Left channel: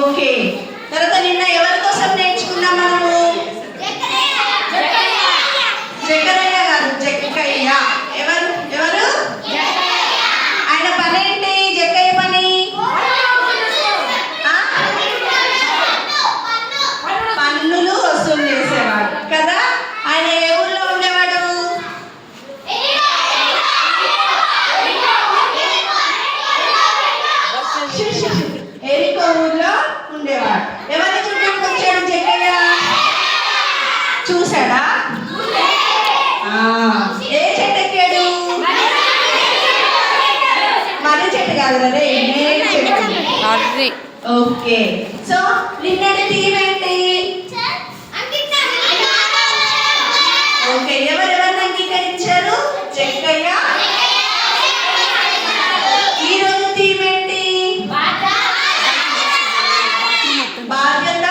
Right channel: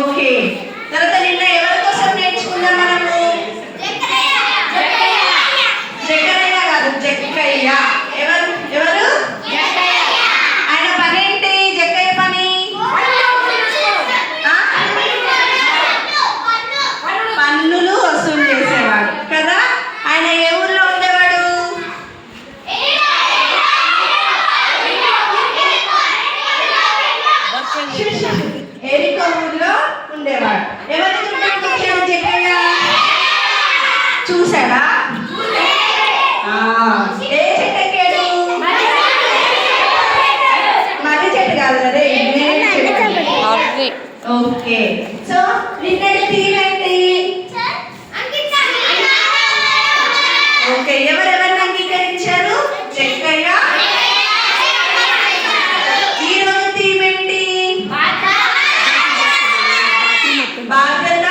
Okay, తర్వాత నిన్న ఎవరి కోసం నేర్చుకున్నాం మనము? జకరయ్య కాదు, జక్కయ్య. ఎవరు ఎవరు? ఆయన పని ఏంటి? జక్కయ్య పని పన్నులు వసూలు చేసేవాడు కదా. ఆయన ఏ ఊర్లో ఉండేవాడు? ఎరికో ఊర్లో ఉండేవాడు. ఎవరిని చూడడానికి వచ్చాడు జక్కయ్య? చూసాడా? ఏ చెట్టు ఎక్కాడు? మర్రి చెట్టు కాదు కదా, ఏ చెట్టు? ఓకే, సో నిన్నటి థీమ్ ఏంటి? ఓకే, ఎవరెవరిని అంగీకరించారు? జక్కయ్య. ఈ రోజు థీమ్ ఏంటి? బాధ్యత